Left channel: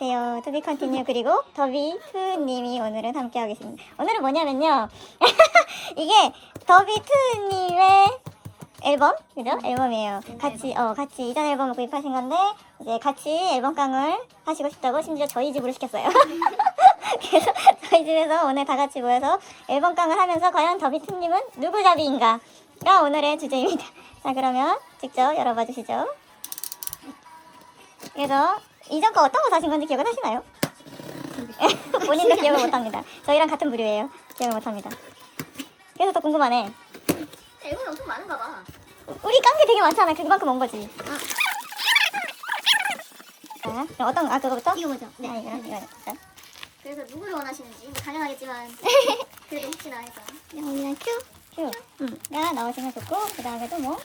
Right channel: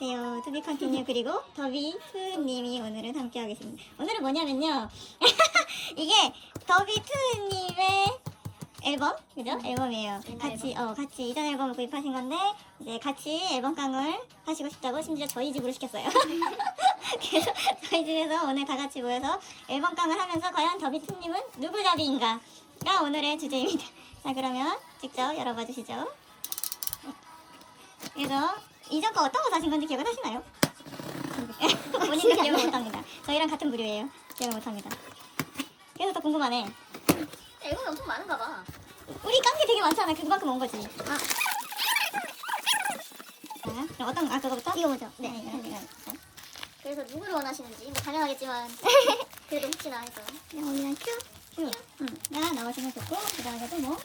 안녕하세요. 투비 컨티뉴 그리고 더비 투님이 오늘은 함께 하겠습니다. 오늘은 뭐냐면요. 이게 더비 투님의 앨범, 그죠? 앨범이에요. 같이, 어, 같이 이전 앨범을 구입하신 건데, 이제 같이 앨범 깡을 하시고 싶다고 심지어 저희 집으로 시켰어요. 그래서 저희 집에서 오늘 다 같이 모여서 앨범 깡을 하면서 과연 더비 투님은 누구 잡이인가가 오늘의 주제입니다. 자, 그러면 직접 열어봐 주시죠. 그래서 이전 거 어떤 거 사신 건지 기억을 하시나요? 본인도 기억을 못합니다. 저희랑 같은 부류예요. 기억을 못합니다. 그래서 더 궁금하네. 앨범이 엄청 많은가 봐. 우리 깐 게 되게 많잖아. 그만큼 온 거지. 아. 자, 그럼 어떤 거? 아 그거부터? 이거 뭐죠? 네, 네. 이거 이거. 자, 그래서 누구를 원하시는지 뭐 당연하겠지만 그래도 혹시나 해서 영이랑 큐, 큐. 가 나오시면 좋고 그 다음에도 뭐.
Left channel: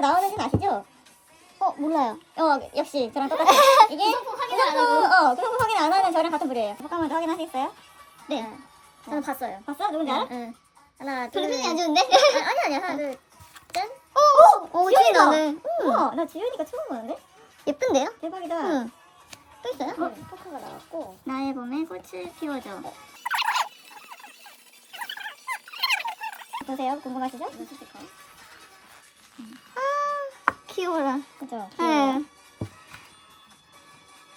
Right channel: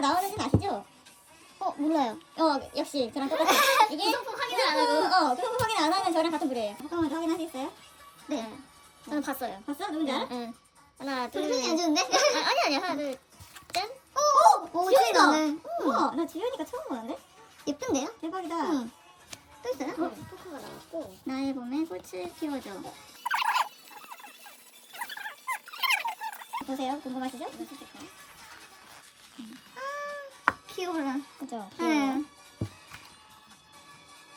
정답으로 나오는지는 아시죠? 어 몰라요. 어 역시 저랑 똑같아. 이게 확인을 안 하고 어 구성품 확인 안 하는 저랑 같은 부류예요. 잠깐만 확인하셨어요? 네. 저는 봤어요. 봤어? 누군지 알아? 응. 하나 둘. 표정이 안 좋은데? 아, 아니 아니 하나 둘. 짠. 오, 지연이다. 지연이다. 우와, 나 지연이가 처음 보는데? 예쁜데요? 대박이다. 응. 또 있어요? 응. 포카가 나왔고. 나의 봄에 꽃을 피워줘. 보세요. 궁금하시죠? 스티커. 귀여워라. 그죠? 네.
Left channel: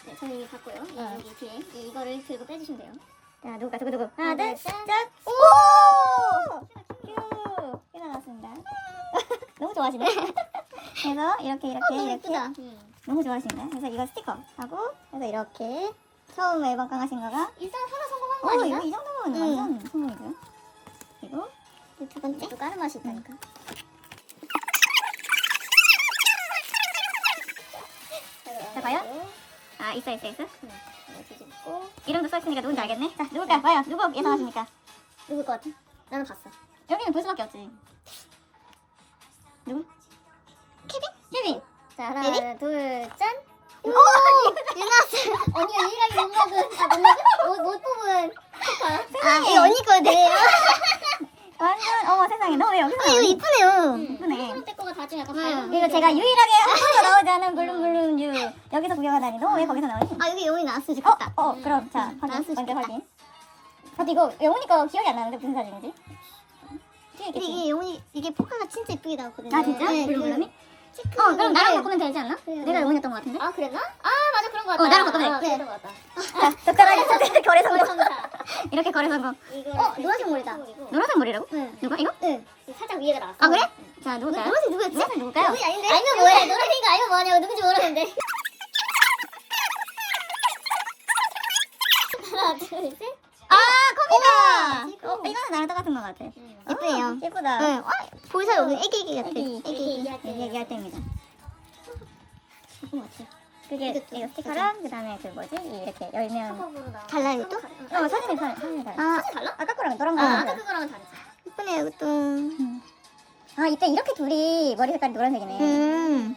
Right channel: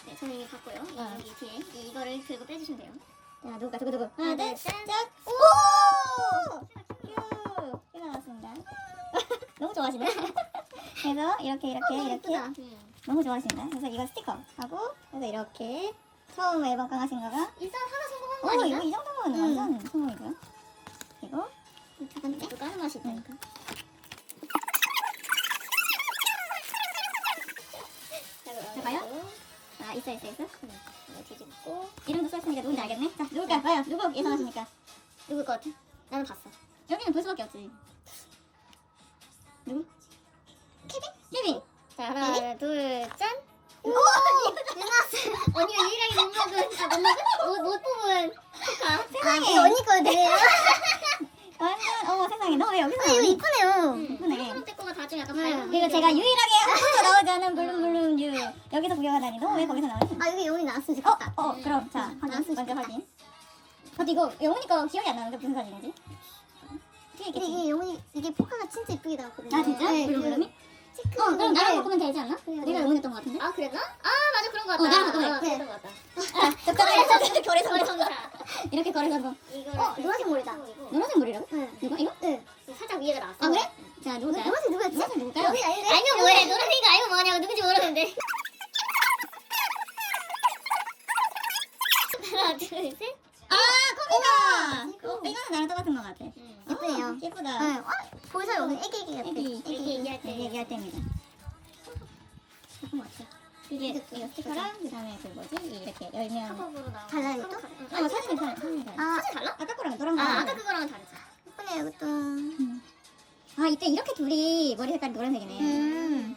네, 저는 이미 봤고요. 이- 네. 여기 뒤에 이- 이거를 들고 빼주시면 돼요. 자, 누굴까? 누구, 누구? 하나, 둘, 둘, 셋. 짠! 오! 큐! 큐가 나왔습니다. 너무 좋아하시네. 그래서 이렇게, 이렇게, 이렇게. 음. 너무 좋아하신다. 그래서 이거 스티커 하고, 그래서 이렇게. 처음 앨범 깡하신 거가. 일단 하나 성공한 거 오, 아닌가? 이거 이 정도면 음. 완전 성공이고요. 그리고 두 번째? 또 다른 맛이 있다니까. 있어, 있어, 있어. 이거 뒤집고 이름도 써있으니까 누군지 알겠네. 자, 누굴까요? 과연 누구 예상하십니까? 누굴 것 같아? 나는 봤어. 여기는 볼 수밖에 없지. 누구? 케빈? 케빈! 자 하나? 둘 짠. 오! 유나스 언니가 유일하게 못 먹은 아못 먹은 못, 못 뽑은 세상에! 언니 거네. 완전, 어머 세상에. 너 왜 여기서 나오니? 이쁘네요. 이쁘네. 초록 때 거가 다좀 약간 음, 밝은 그리고 제가 유일하게 한 번도 나오지 않은 블룸블룸 유 여기서 구경하다니 너 왜 거기서 나오니? 아 여기 영혼이 나왔으면 어? 좋겠다. 어 음. 그럼 자 음, 확인 나왔으면 먼저 좋겠다. 확인 저도 이거 영훈이 거 기억이 안 나는데 무슨 사진인지 뒤에 근데 있겠지? 이게 영혼이 이게 포카가 진짜 이쁘게 나왔거든요. 아 진짜? 네, 블룸블룸이? 체크. 어 그럼 나랑 네. 바꾸면 되지 않나? 그래요. 내가 영훈이었던 것 같은데? 아 그랬나? 아 맞아 그런 거 같다. 어, 나랑 바꾸면 어, 돼. 그런 거 같다. 자 적당하게 거래 성공 성사. 이렇게 거래 성공 이거를 어, 그 노란색 머리다. 성공이고. 노란색 머리라고? 응. 누가 이거? 응. 살짝 위에가 나왔어. 아 그래? 응. 자 누굴까요? 노란색 누구였지? 노란색 누굴까요? 아닌데? 알면 뭐해? 노란색이가 알면 뭐하냐고 누군지 모르는데. 하나 둘 셋. 아 컵이다! 어 이거는 나랑 똑같은 것 같아 응. 예쁘네요 어, 예쁘다 응. 보이세요? 여기 애기 애기 같아. 애기 애기 얘기할 때. 얘기 얘기할 때입니다. 예쁜 것 같아. 그게 이거 스티커랑 그다음에 그 뭐지 이렇게 열면 또? 응. 어 사진이 다 사진이 다. 사진 달라? 아까 거랑 너랑 아 거랑 아까 그거랑은 다르지. 예쁘네요 또. 아 이때 이렇게 둘이 머리 색깔이 노란색이네. 음.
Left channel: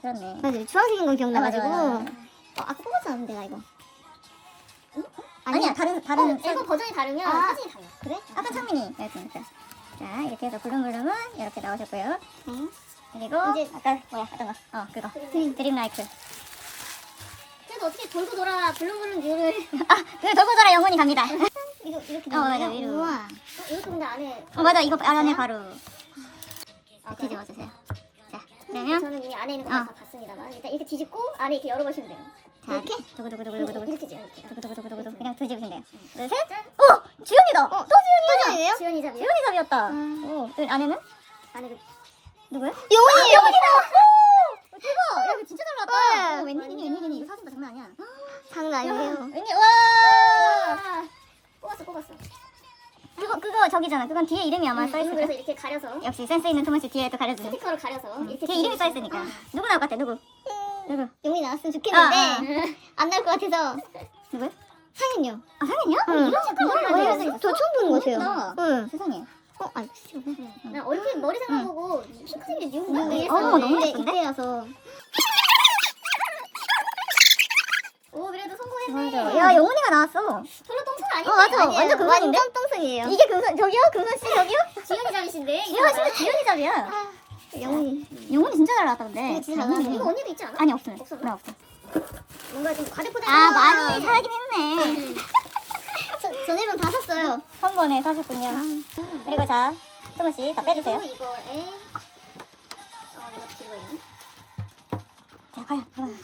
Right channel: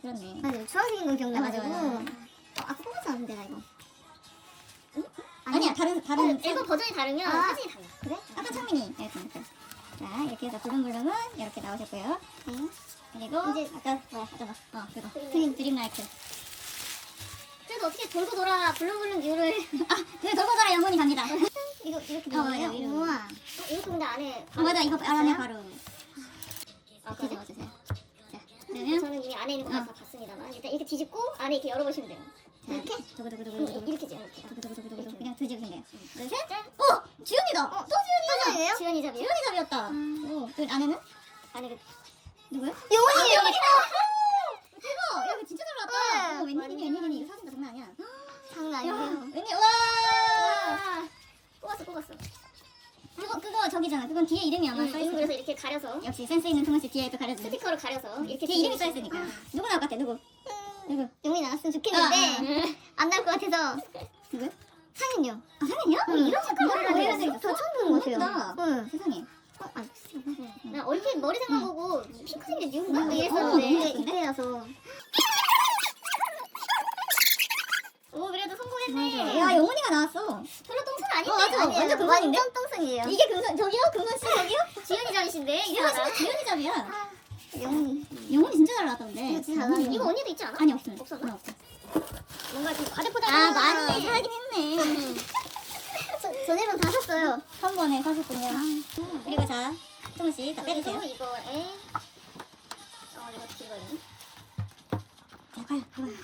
그렇네. 맞아. 주황색인 거 기억나가지고. 아, 맞아, 맞아, 어, 아까 뽑았었는데 나 이거. 아니야 다른 어, 다른 앨범 버전이 다르면 아. 사진이 달라. 그래? 아까 창민이였으니까. 자 이렇게 해서 블룸블룸은 이렇게 나오셨고요. 응. 그리고 이제- 아까 뭐야 어떤 거? 어 그거. 드림. 드림 라이트. 그래도 어떻게 돌고 돌아 블룸블룸 뮤를 그 돌고 돌아 영혼이 갑니다. 이거 이렇게 어 맞아? 위로. 우와. 어, 이것도 근데 안에 어 맞아 이거 안에 바로 아, 뒤집어 주세요. 자 그러면 그러면 저는 이미 안에 있는 어. 거다 봤습니다만 일단 이렇게 뒤집고 안에 이렇게 열어보시면 돼요. 자 이렇게? 두구두구두구두구두구. 이렇게 이렇게. 두구두구두구두구 그냥 뒤집으시면 돼요. 둘, 셋. 짠. 어! 지연이다! 또 지연이야! 지연이에요? 지연이 잡이요? 지연이 잡이었다. 음. 오, 그 안에는? 안에 그 누구야? 영혼이에요. 오! 대박! 야, 이거 진짜 잘 나왔다. 네. 오, 웬일이니, 웬일이니. 이거 사진도 장난 아니야. 장난 야, 아니고. 웬일, 와! 와. 뽑았어 뽑았어. 그거, 그거 저기잖아. 그건 뒤에 이름이 아마 음, 써있을 그래서 거야. 이렇게 가려서 역시 센스 있는 토마씨 뒤에 또 가려주네. 스티커로 가려서 이렇게 뒤에 이름이 써있으니까. 누구 나올 것 같아, 누구? 누구? 영혼이 나왔으면 아, 좋겠는데 아. 안 나올 것 같아서 누구? 상현이요. 아, 상현이야? 응. 이런 색깔 머리가 가지고 있어? 저 처음 보는 것 같아요. 응. 세상에. 어, 아, 나 얼핏 머리 생각하고 핑크색이 뉴인가 음. 어, 너무 예쁜데? 이때여서 오 그래도 성공했네. 야, 영훈이가 나왔어. 별로 똥손 아닌데? 어, 맞아. 완전 금손인데? 똥손이에요. 이게 금손, 저기요? 금손 씨, 저기요? 지연이 잡이신데? 지연이 잡이야. 영훈이. 영훈이 진짜 잘 나왔다 근데. 이거 진짜 잘 나왔네. 이거 언니도 있지 않아? 아니 없어요. 없었나? 네, 없어. 뭔가 좀 과대포장. 아 많이 사긴 했네. 저, 전 앨범 다 샀어요. 한 번에 사셨군요. 그리고 자 조금씩 다 빼주세요. 그리고 이거에 어 이거 어떻게 읽어야 자 과연 과연.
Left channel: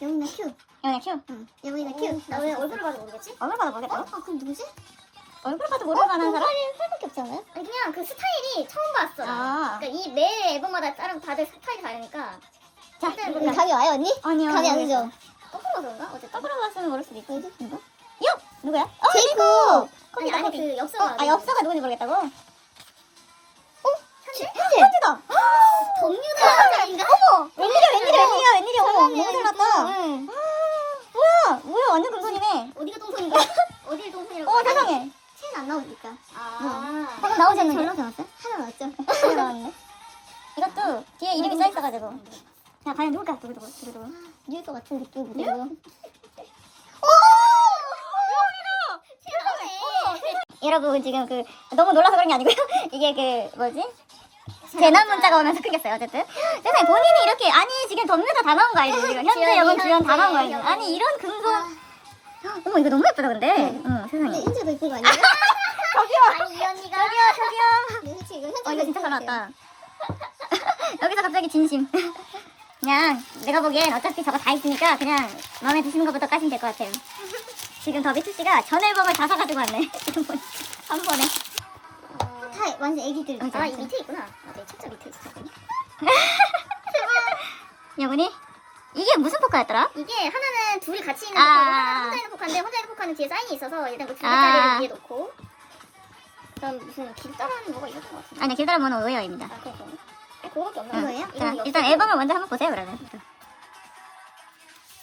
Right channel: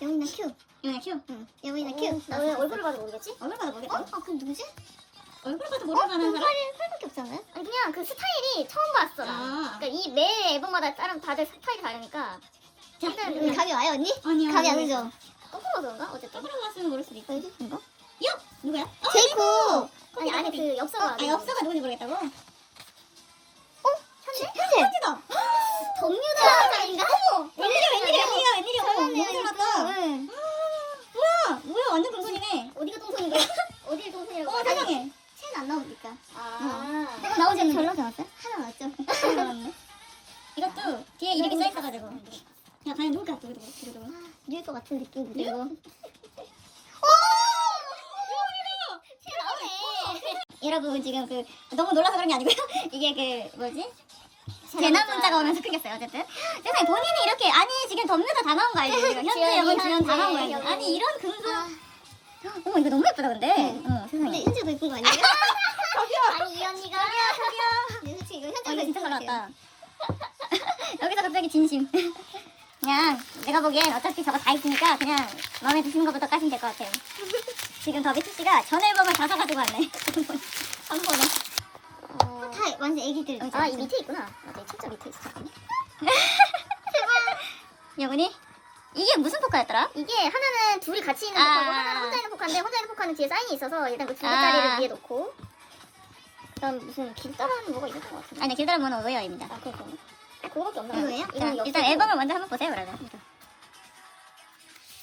영훈이나 큐. 영훈이 큐. 응. 영훈이나 큐. 나 왜 얼굴을 봐도 모르겠지? 얼굴 봐도 모르겠다. 어? 아 그럼 누구지? 얼굴 봐도 모를 만한 사람? 팔 팔밖에 없지 않아요? 아니 그냥 그 스타일이 처음 봤어. 아. 그러니까 이 매 앨범마다 다른 다들 스타일이 다르니까. 자, 일단 누구야? 감이 와요 언니? 아니요. 감이 안 오죠? 거꾸로 그런가? 어쨌든. 거꾸로 봤으면 모를 수도 있고. 이거? 요! 누구야? 어, 제이콥. 아니, 아니 그 어, 엽서가. 아, 엽서가 누군지 모르겠다고? 어? 현재? 현지다! 덤 너무 놀라서 그런 게 아니고요. 이게 그, 뭐지? 재난 문자가 오면서 크겠어요, 어쨌든. 세상에 본인이 이렇게, 아니, 지금 덤유다 다 나온 거? 지금 현재 영혼 주연 다 나온 거 현재, 알지? 아니, 이런 근거. 아, 어머, 이거 너무 예쁘다, 근데. 응. 응, 근데 세상에. 현재가 더 이쁜 거 아니에요? 저기요! 아니 이 언니가 네, 솔직히 이거 아, 현재가 더 근데 이쁜 거 같아요. 났다. 여기서 갑자기 진심. 그냥 내가 보기엔 어차피 저거 다 있으니까 그냥 마음에 드시는 것부터 까시면 될 것 같아요. 지금 더 비트 씨가 전 앨범을 다 사가지고 왔네. 한 번에. 다 완전 애기들. 아, 이. 밑에 있구나. 맞아, 진짜 밑에 있어. 여분이 이게 무슨 포카였더라? 이게 하나는 둘이 같이 있는 아. 포카고 하나는 혼자 있는 포카인데 혼자 있는 포카는 뒤에 사인이 있어서 일단 그두 아. 개짜리를 위에 놓고 그다음 무슨 길다란 뭐가 있었던 것 같은데. 아니 길다란 번호 오해입니다. 아, 그거 아, 그거밖에 없나? 이거예요? 자, 일단 앨범을 먼저 한번 보세요 그러면.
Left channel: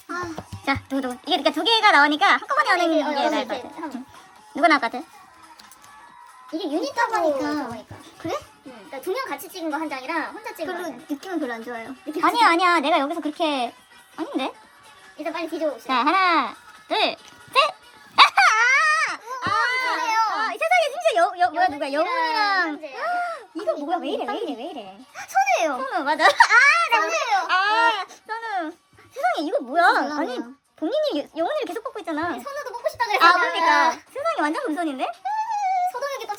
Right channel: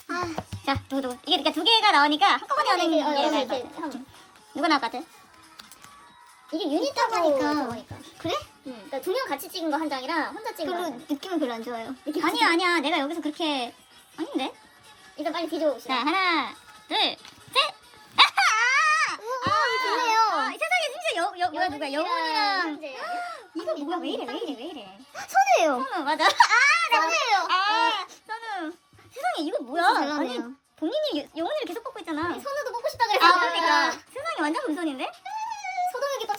아, 자, 누구 누구. 이게 그러니까 두 개가 나오니까 한꺼번에 아, 하는 이게 게 어, 여기 같아. 한- 것 같아? 이게 유닛하고 보니까. 그래? 응. 그러니까 두 명 같이 찍은 거 한 장이랑 혼자 찍은 거. 별로. 느낌은 별로 안 좋아요. 느낌 아니야 아니야 내가 여기서 그렇게 아닌데? 일단 빨리 뒤져 봅시다. 자 하나 둘 셋. 아하! 그래요. 아, 세상에 심지어 여, 여, 뭐야 누가 영웅이랑 현재. 이거 뭐야 왜 이래 왜 이래 왜 이래 손해요. 선우 맞아 손해요. 아 선우 세상에 이거 뭐야 잘 나네요. 아니, 본인이 영혼을 계속 뽑고 있잖아 손으로 뽑고 싶다 아 그랬어. 그러니까 세상에 완전 또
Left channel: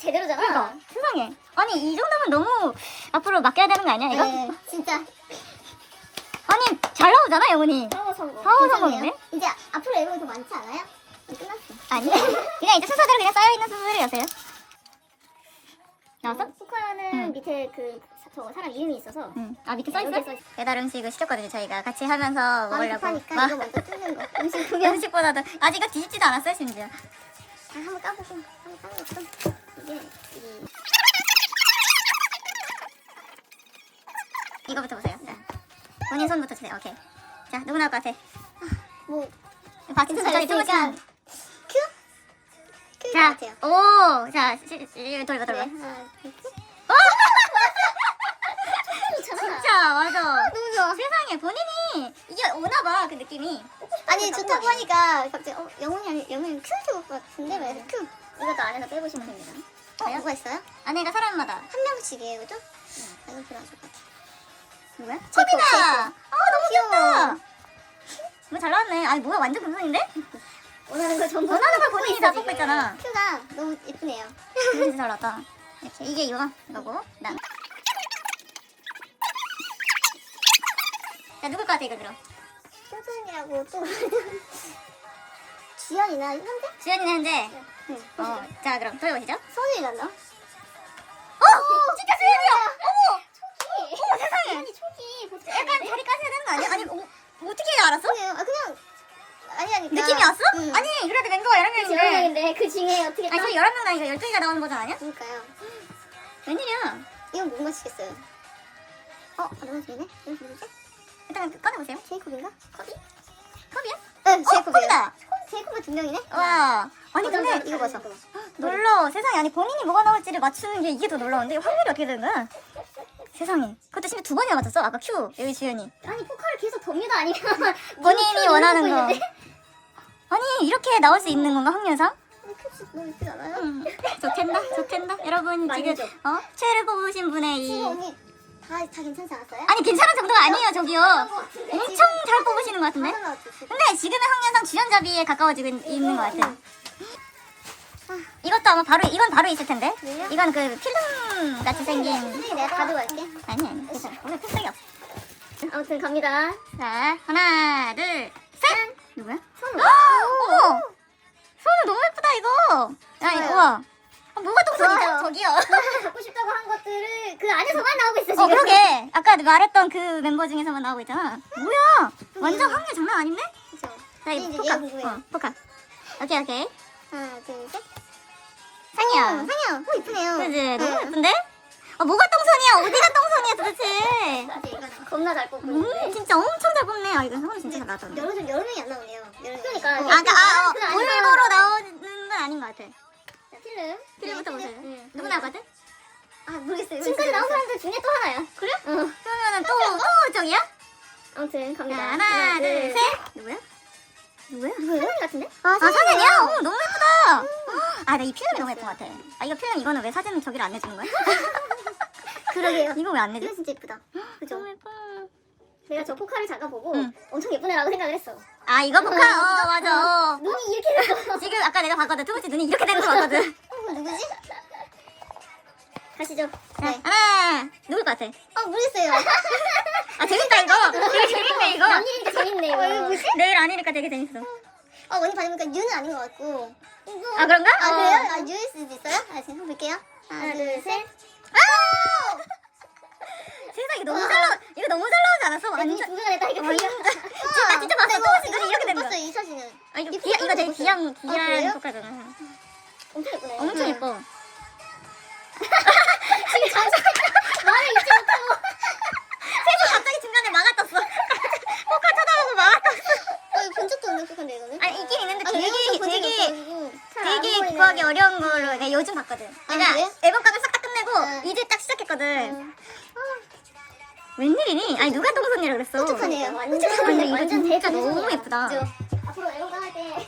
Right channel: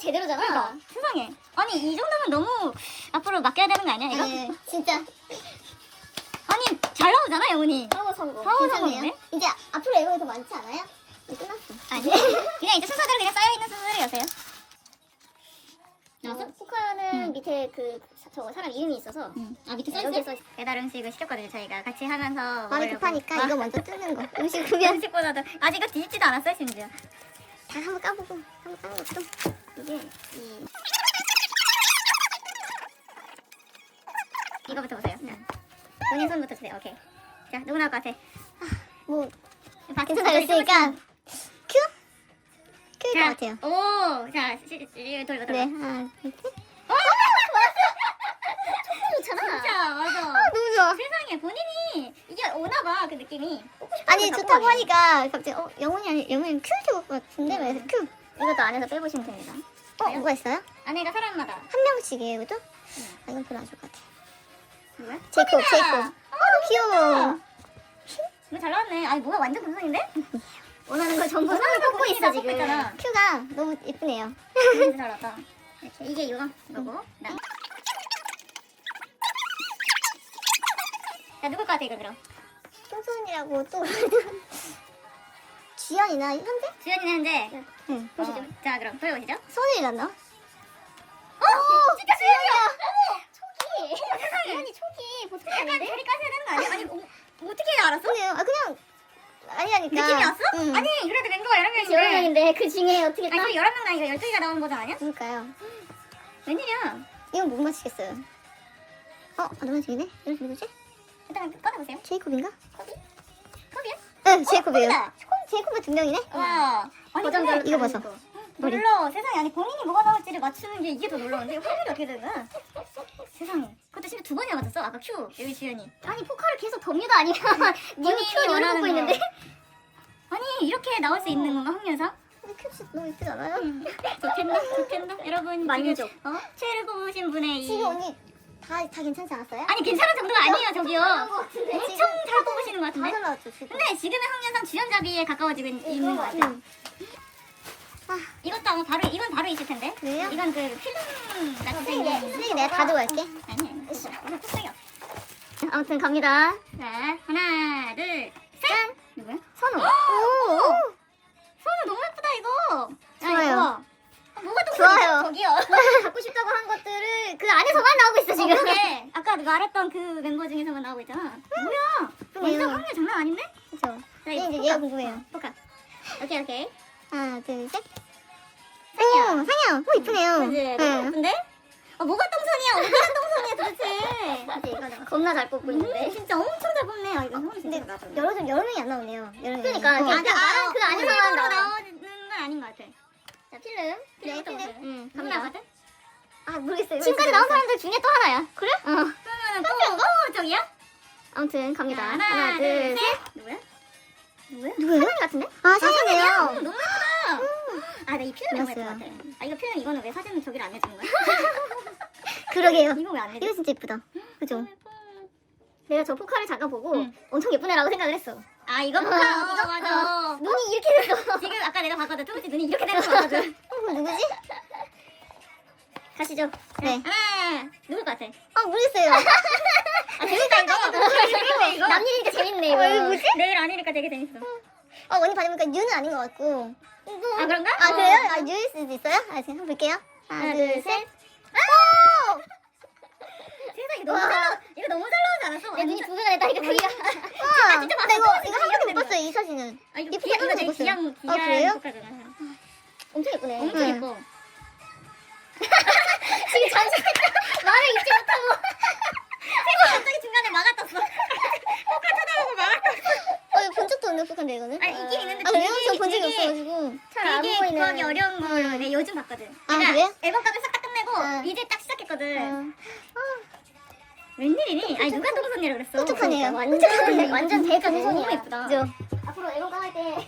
제대로잖아. 그러니까 세상에 아니 이 정도면 너무 앞으로 맡겨야 되는 거 아니야 이거? 네, 진짜. 아니 잘 나오잖아 영혼이 사고 선거. 사고 괜찮네요. 선거네? 이제 앞으로 앨범이 더 많지 않아요? 이제 끝났어. 아니 그냥 이제 순서대로 그냥 쌓여 있는 순서대로 여세요 나왔어? 어, 포카는 응. 밑에 그저 사람 이름이 있어서 응. 아 밑에 네, 써있어? 여기 써 있어. 배달 음식을 시켰거든요 저희가 같이 하면서 먹으려고 급하니까 와, 이거 먼저 뜯는 거. 음식 음식보다도 아직 이거 뒤집지도 않았어요 심지어 잘 한번 까보고. 이게 이 이거부터 보세요 자, 본인 손부터 주세요 오케이 자 누구 나올 것 같아 뭐 박수 괜찮아요. 쳐 그러니까 큐? 큐일 것 자, 같아요. 오, 자, 시, 시, 돌봐. 돌봐. 하나, 둘, 셋. 좋잖아. 진짜, 맞아. 좋아. 세상에, 본인이, 이게 오나 봐, 그 느낌이. 아니 좋다고 하니까 갑자기 어 영훈이 영훈이 큐 해줄 것 같은데 왜 큐? 이것도 안에서 빼보시면 됩니다. 어? 누가 있어요? 아내가 사람마다. 한 명씩이에요, 그죠? 응. 이건 별로 안 좋을 것 같아. 누구야? 제이콥, 코비다! 제이콥. 아, 너무. 귀엽다. 뭐 잘 나왔네. 아니, 뭐야, 완전 금손인데? 원하는 걸 전부 원하는 걸 본인이 다. 뽑고 있잖아. 큐가 너무 예쁘네요. 진짜 잘 나왔다. 이렇게. 이게 이거, 이거고, 난. 자, 누굴 것 같아, 이거 그럼? 큐선이라고 또 지안이나 현재? 주연이는 현재. 응. 어, 자, 그럼 돌려보시죠. 수원이란나? 어! 진짜 주연이야! 어머! 초기. 어머, 세상에. 지안이 초기 약간 아닌데? 다리 까셔야 되는 거 아니야? 아니, 어, 어떻게 알았어? 그래요. 아 그냥 아니 아니 느낌이 왔어? 응. 아니 그래도 멤버가 11명인데 제목인데 그 중에 어떻게 아니 딱 지금 11명 나니까 12개가 나오는 버전 아니야? 그러니까요. 웬일이야 이건 못 맞히겠어요. 어 누가 지네? 이거 누구지? 일단 꺼내보세요 제이콥인가? 커비? 커비야? 응 어? 제이콥이에요. 커비다 제이콥이 두 명이네. 와 아니 버전 근데 이거 봤어. 놀라워 세상에 아니 본인이 뭐가 나올지를 맞추는 게 이게 더 놀라운데 확률이 어떻게 되는 거야? 세상에 그것도 심지어 두 번이나 맞췄어 아까 큐 여기 주연이 아니 포카를 계속 덤유다 아니면 본인이 원하는 거 아니 이렇게 나올 수 있는 건가 확률상? 큐 너무 예쁘지 않아요? 음, 좋텐다 좋텐다 여러분 만족. 지금 어? 최애를 뽑으신 분의 이 지금 언니 다, 다 괜찮지 않았어요? 아니 괜찮은 정도가 아니에요 저기요 엄청? 잘 뽑으시는 것 같은데 맞는 것 같아, 지금. 근데 지금의 확률상 주연잡이에 가까워지고 있- 있는 것 같아요 응. 이것도 아마 바로 이건 바로 있을 텐데? 이건 그 필름 같이 생긴 선생님 내가 가져갈게. 아니 아니 괜찮아. 오늘 없어 아무튼 갑니다. 자 하나 둘셋 누구야? 선우. 어머 손을 너무 예쁘다 이거 야 이거 좋아요. 뭐가 똥손이죠? 좋아요. 저기요 갖고 싶다고 한 것들을 그 안에서만 나오고 있어 어 지금. 그러게 아까 말했던 그 멤버 중에서만 나오고 있잖아 뭐야 완전 확률 장난 아닌데? 그쵸. 자 이제 포카 궁금해요. 어, 포카 오케이 오케이 하나 둘 셋. 상이야. 음, 상이야. 오 이쁘네요. 그지 너무 응. 예쁜데? 어 뭐가 똥손이야 어디가 똥손이야 도대체 이제 이거 겁나 잘 뽑고 음, 있는데. 진짜 엄청 잘 뽑네 아 이거 형은 진짜 잘 맞았네 여러 명이 안 나오네요. 여러 명. 그러니까. 아, 그러니까 아, 어, 올리버로 나오는 건 아닌 것 같아 자 필름. 필름부터 보세요 응. 누구 나거든? 아 모르겠어요. 지금까지 나온 사람들 중에 또 하나야. 그래? 어. 그러면은 또, 또 저기야? 아무튼 자, 갑니다. 하나, 둘, 셋. 누구야? 누구야? 상현이 같은데? 아, 상현이야? 어, 너무 예쁘다. 아, 나이 필름이 너무 예쁜 것 같아. 아, 이거 필름 이거는 왜 사진 저기를 안 내주는 거야? 그러게요. 이거 왜 안 내줘? 이거 진짜 예쁘다. 그죠? 너무 예뻐. 내가 저 포카를 잠깐 보고 응. 엄청 예쁜 애라고 생각을 했어. 아, 이거 포카? 어, 맞아. 어. 눈이 이렇게 됐어. 지금 아까 내가 봤거든. 투부씨 눈이 이렇게 되는 거 봤거든. 이거 누구지? 가시죠. 네. 하나, 누굴 것 같아? 아 모르겠어요. 아, 재밌다, 이거. 이거 재밌네, 이거. 남일이니까 재밌네 이거. 이거 뭐지? 내일 아니니까 되게 재밌어. 아 언니 받으니까 뉴는 아닌 것 같고. 아, 그런가? 아 그래요? 어. 아 뉴일 수도 있어요? 아 지금 볼게요. 하나 둘 셋. 세상에 너무 잘 나와. 이거 너무 잘 나오지 않았어? 아, 눈이 완전. 두 개가 냈다니까 어, 보니까. 진짜, 봤어. 투부씨 눈이 이렇게. 봤어요 이 사진은. 아, 이거 귀, 이거 되게 귀한, 아, 그래요? 귀한 효과잖아요. 엄청 예쁘네. 엄청 응. 예뻐. 지금 잠시 마음에 있지 못하고. 세수 갑자기 중간에 막아떴어. 포카 쳐다보고 막아떴어. 어 이거 본 적도 없는 포카인데 이거는? 아니, 있긴 있는데 아, 되게, 이거 되게, 되게. 구하기 어려운 걸로 내가 요즘 봤거든. 내가 그래? 앨범 값을 싹 다 끝내고 응. 이제 딱 시작했거든. 응. 웬일이니? 아니, 누가 똥손이라 그랬어. 깜짝하네요. 완전 아니, 이거 완전 진짜 대가 너무 예쁘다. 앞으로 앨범 할 때.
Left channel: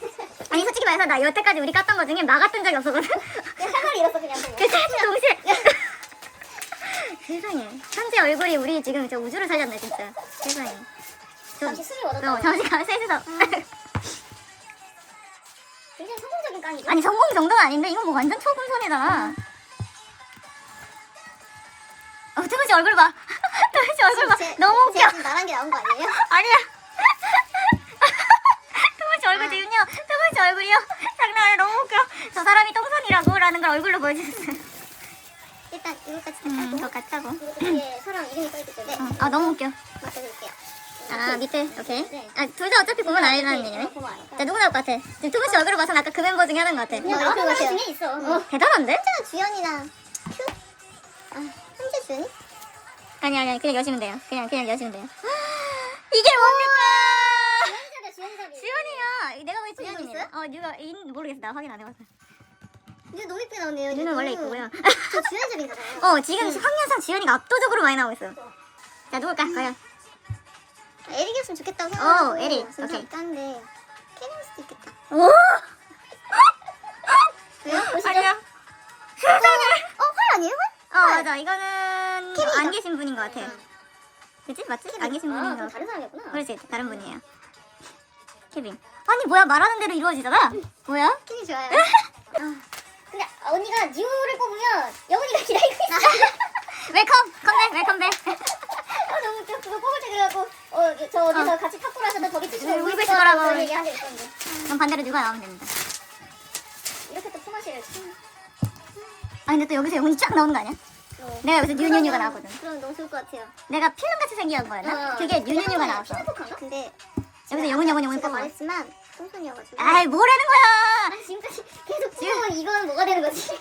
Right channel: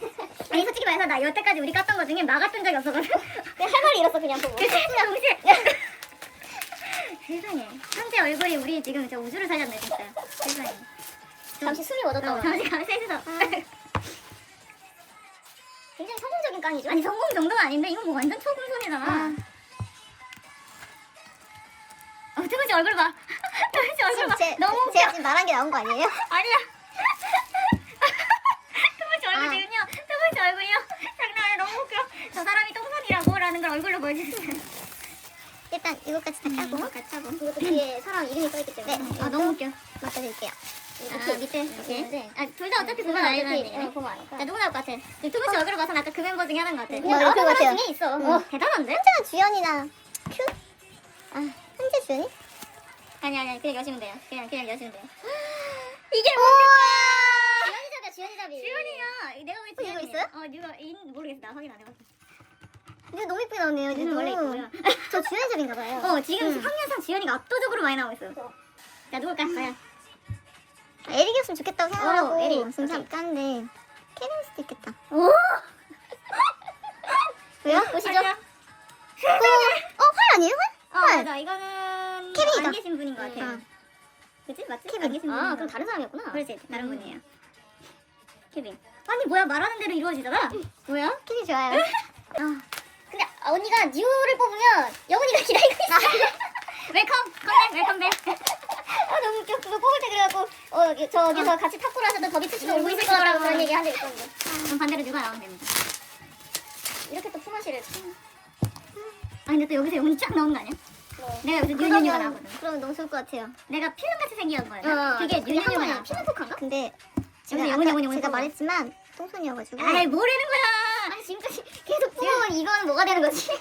아니, 솔직히 말해서 나 여태까지 우리 깠던 거 중에 막았던 적이 없었거든. 내 생활이 이랬어 그냥. 그 사진 동시에. 세상에. 현재 얼굴이 우리 지금 진짜 우주를 살렸네, 진짜. 세상에. 잠시 숨이 멎었다. 어, 잠시 가세에서. 굉장히 성공적인 깡이죠. 아니 성공 정도는 아닌데 이건 뭐 완전 초금손이다. 어, 투무씨 얼굴 봐. 투무씨 얼굴 봐. 제- 너무 웃겨. 제가 지금 말한 게 나온 거 아니에요? 아니야. 투무씨 얼굴 지금요. 투무씨 얼굴이요. 장난 아니야. 너무 웃겨. 저 사람이 똥손이라고 라는 걸 얼굴로 보여주셨어요. 일단 이거까지 음, 저 같다고. 이것도 뒤에 사람 이름이 써있기 때문에 음, 아 너무 웃겨. 맞춰줄게요. 아 밑에. 네. 아둘 다 어차피 보면 알라는 얘기네. 자 누구 나올 것 같아? 지금 투무씨 얼굴을 봐서 아까 그 멤버 중에 하는 것 같아. 그냥 나오는 거 중에 있어. 어. 대단한데? 현재나 주연이나 큐? 아, 현재 주연이? 아니 아니 그냥 여시면 돼요. 그냥 그냥 여시면 돼요. 이게 뭡니까? 주연이잡이야, 주연이잡이. 지원이야. 내가 왜 지원이냐? 있어요? 어 누가 인 모르겠어. 나 확인 안 해봤어. 이거 너무 예쁘게 나오네요. 얘는 원래 있고요. 저 주연이잡인가 봐요. 어 지금 음. 학년상 지원이가 압도적으로 많이 나오고 있어. 자 누굴까? 과연. 에릭이었으면 좋겠다고. 어, 하고 에릭. 진짜 오케이. 깐데 케빈일 수도 있겠다. 오. 왜요? 보시죠. 아니야. 어, 활 아니에요? 활? 어 맞아. 이거는 케빈이다. 안 계신 분인 것 같아. 응. 그치? 맞지? 안 계신 아, 분인 그럼 것. 다른 사람이었구나. 그렇지. 다른 분이에요. 케빈. 아니 뭐야 말하는 대로 이루어지잖아. 뭐야? 케빈 좋아요. 근데 언니가 뉴를 뽑으면 영훈이가 기다리고 있어. 웰컴 컴백 웰컴백. 어, 너무 웃겨. 그거 뽑을 때 그래갖고 어, 저 어디서 같이 치고 네, 울고 울고 있을 있을 거라고. 거라고 그런 얘기 한 적 있었는데. 그럼 반대로 누가 나오면 됩니다. 또 여기서 영훈이 쫙 나오는 거 아니야? 내가 여기서 뉴뉴뉴가 나왔거든. 그럼 너무 좋을 것 같아요. 내가 필름같이 생긴 거였나? 어, 그게 뉴뉴뉴가 나왔어. 피드포크인가? 근데 여기서 영훈 영훈 영훈 제가 뽑아. 말했지만 똥손이어가지고. 아이 뭐라는 거야? 아니 지금까지 계속 뽑아온 이거는 뭐가 되는 거지?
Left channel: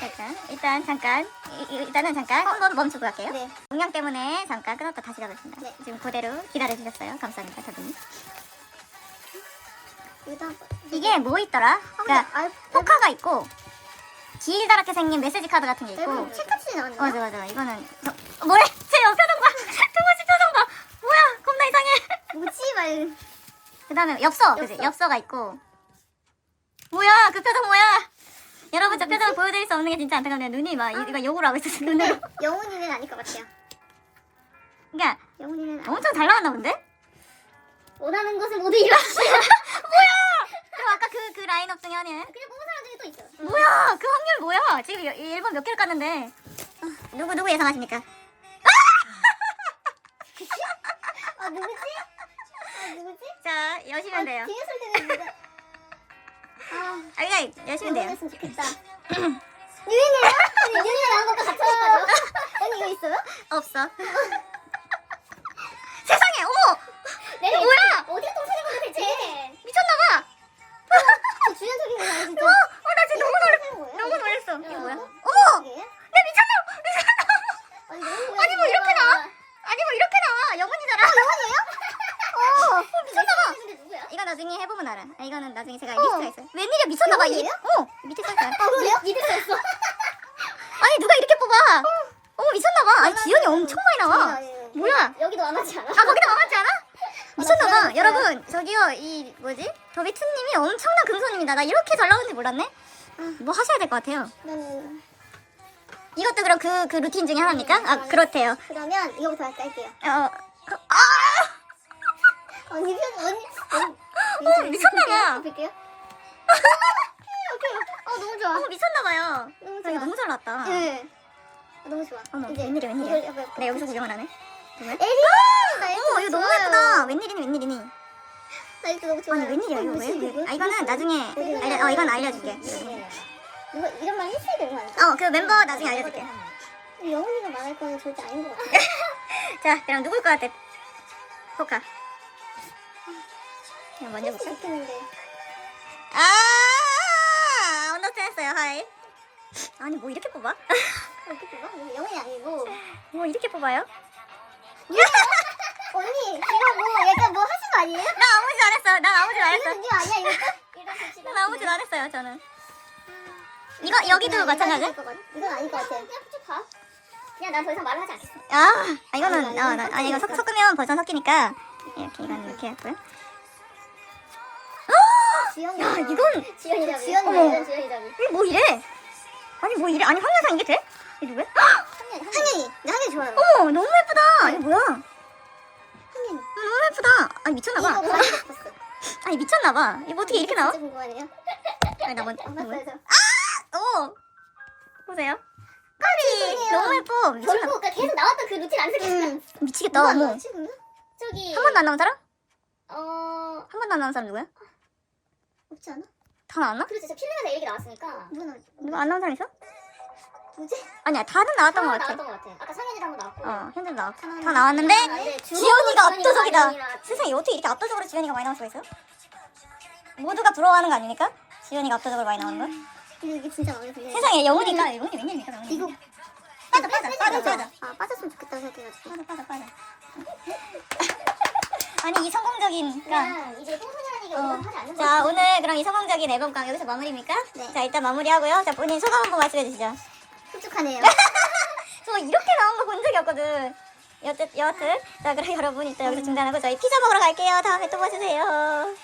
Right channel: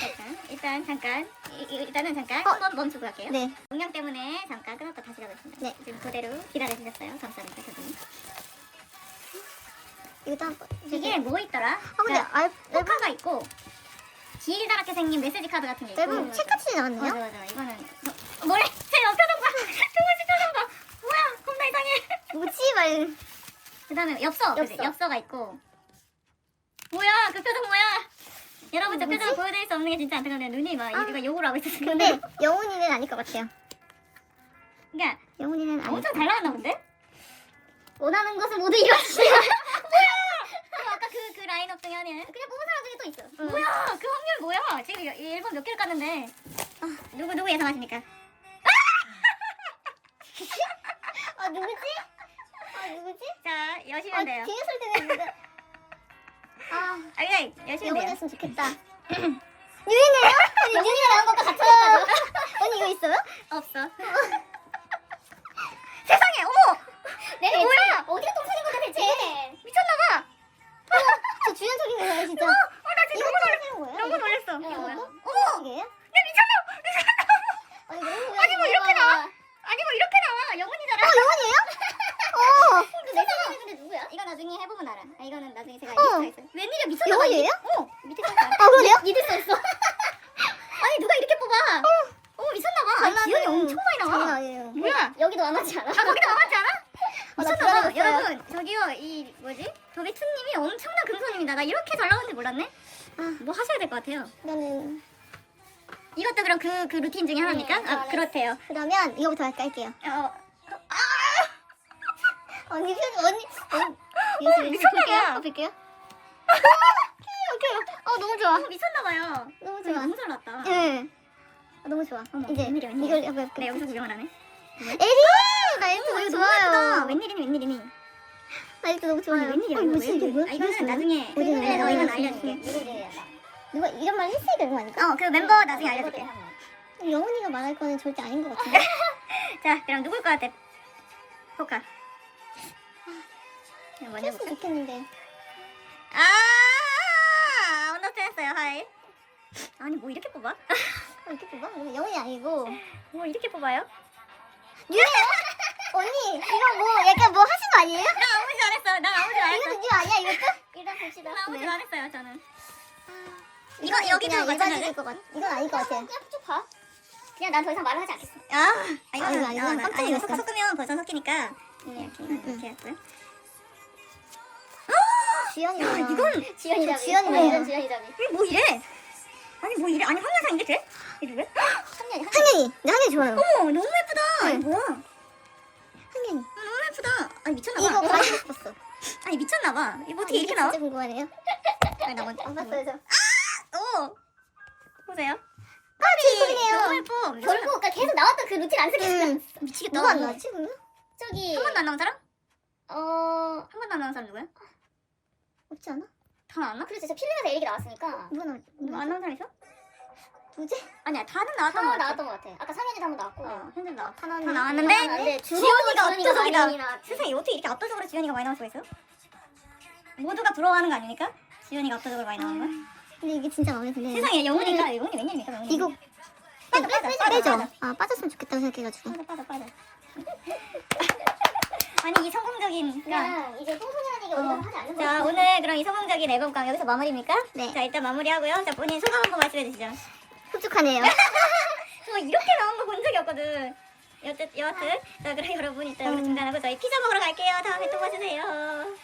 일단 일단 잠깐 이, 이- 일단은 잠깐 한번 멈추고 갈게요. 네. 용량 때문에 잠깐 끊었다 다시 가겠습니다. 네. 지금 그대로 기다려 주셨어요. 감사합니다. 이거 딱 이게 뭐 있더라? 그러니까 아, 포카가 있고 길다랗게 생긴 메시지 카드 같은 게 있고. 앨범 책같이 나왔는데. 맞아 맞아 이거는 저, 뭐래? 제옆 표정 봐. 두번씩 표정 봐. 뭐야? 겁나 이상해. 뭐지 말. 그 다음에 엽서, 그지? 엽서. 엽서가 있고. 뭐야? 그 표정 뭐야? 여러분 저 표정을 보여드릴 수 없는 게 진짜 안타깝네요. 눈이 막 이거 욕을 하고 있었어요. 근데 영훈이는 아닐 것 같아요. 그러니까 영훈이는 아니- 엄청 잘 나왔나 본데? 원하는 것을 모두 이뤘어요. 그럼 아까 그, 그 라인업 중에 하나는? 그냥 뽑 또 있어요. 뭐야 그 확률 뭐야? 지금 1번 몇 개를 깠는데 누구 누구 예상하십니까? 아 누구지? 아 누구지? 자 여시면 돼요. 뒤에서 되는데. 아 아 그냥 여시면 돼요. 좋겠다. 유인이야? 유인이가 나온 것과 같이 하니까요. 언니 이거 있어요? 없어. 세상에 어머 네. 이거 뭐야? 어디가 똥차린 거야 대체? 미쳤나봐. 저 주연적인 거예요 진짜. 너무 놀랐어. 이게 뭐야? 어머. 내 미쳤나 미쳤나. 아니, 뭐 이렇게 나와? 아니 뭐 이렇게 나와 영훈이잖아. 어머. 미쳤나 봐. 근데 누구야? 이거 나중에 해보면 알아. 아, 이거는 나중에 제가 리스트가 있어요. 웬일이야 미쳤나 봐 이. 영훈이에요? 어 밑에 써있어요. 아 그래요? 수 없어. 아니 누가 이렇게 뽑아? 어머 미쳤나 봐. 아니 지연이 엄청 많이 나와. 뭐야? 여기도 안 하지 않아? 아 거기다 만하지 않아? 미쳤나봐. 여러분 저기요 이 뭐지? 더비투님이 엄청난 금손입니다. 나 이렇게 잘 나오는지 몰랐네. 뭐 하셔야 될 것 같아요. 그러면 이것도 그럼 그, 그 루틴 중에 하나입니까? 아 그렇대요. 그러면 이거부터 깔게요. 어, 언니 표정 언니. 어, 미쳤나봐. 볼게요. 오케이. 어 너무 좋아. 어 미쳤나봐요. 너무 아니 좋아. 너무 잘 나왔다. 예. 아, 너무 좋아. 어머 이제 웬일이야 웬일이야. 이걸 해볼게요. 내 여기서 구경을 하네. 누구야? 에리. 나 이거 어머 이거 너무 좋아요. 예쁘다. 웬일이니 웬일이니. 나 이거 너무 좋아. 아니 웬일이야 이거 왜? 이거- 아 이거는 나중에 알려, 어 이건 알려줄게. 이거 이런 말 했어야 되는 거 아닐까? 어그 멤버 나중에 알려줄게. 영훈이가 말할 거는 절대 아닌 것 같아. 자 그럼 누굴 것 같아? 포카. 그냥 먼저 볼까? 좋겠는데. 아 언더스탠스요 하이. 아니 뭐 이렇게 뽑아? 이렇게 뽑아? 뭐 영훈이 아니고. 뭐 이렇게 뽑아요? 언니 이거 뭐 약간 뭐 하신 거 아니에요? 나 아무 짓 안 했어. 난 아무 짓 안 했어. 이거 아니야 이거? 이거 좋지. 나 아무 짓 안 했어요 저는. 이거 여기도 마찬가지? 이건 아닐 것 같아요. 그냥 쭉 봐. 그냥 난 더 이상 말을 하지 않겠어. 아, 아, 이거는 아니, 어, 이건 나, 아니 이거 섞. 섞으면 벌써 섞이니까 이렇게 이건 이렇게 했고요. 지연이. 야, 이건- 지연이라고. 지연이 어머. 말이야 지연이라고. 이게 뭐 이래? 아니 뭐 이래? 아니 황현상 이게 돼? 이게 누구야? 한현이 한현이. 내 한현이 좋아요. 어머 너무 예쁘다. 이게 뭐야? 한현이. 아, 너무 예쁘다. 아니 미쳤나봐. 싶었어. 아니 미쳤나봐. 이거 뭐 어떻게 이렇게 나와? 진짜 궁금하네요. 아니 나 먼저. 안 뭐야? 봤어요 저. 오 보세요. 예쁘네요. 너무 예뻐. 결국 그러니까 계속 나왔던 그 루틴 안 쓰겠어. 미치겠다. 어머. 지금 저기 한 번도 안 나온 사람? 어 한 번도 안 나온 사람 누구야? 없지 않아? 다 나왔나? 그렇지 저 필름에서 에릭이 나왔으니까 이거는 누구 안 나온 사람 있어? 누구지? 아니야 다는 나왔던 것 하나 같아. 나왔던 것 같아. 아까 상현이도 한번 나왔고. 어 현재 나왔. 하나는- 다 나왔는데 아, 네, 지연이가 지연이가 압도적이다. 많이 나왔지. 세상에 어떻게 이렇게 압도적으로 지연이가 많이 나올 수가 있어요? 모두가 부러워하는 거 아닙니까? 지연이가 압도적으로 많이 나오는 건? 근데 이게 진짜 마음에 드네. 세상에 영훈이가 영훈이 웬일입니까 영훈이? 이거 빠져 빠져 빠져 빠져 아 빠졌으면 좋겠다 생각해가지고. 빠져 빠져 빠져. 아니 이 성공적인 그러니까 그냥 이제 똥손이라는 얘기 어. 오늘 하지 않는 자. 오늘 그럼 이 성공적인 앨범강 여기서 마무리입니까? 네. 자 일단 마무리하고요. 자 본인 소감 한번 말씀해 주시죠. 흡족하네요. 저 이렇게 나온 거 본 적이 없거든. 여튼 여하튼 자 그럼 여러분 일단 여기서 중단하고 저희 피자 먹으러 갈게요. 다음에 또 봐주세요.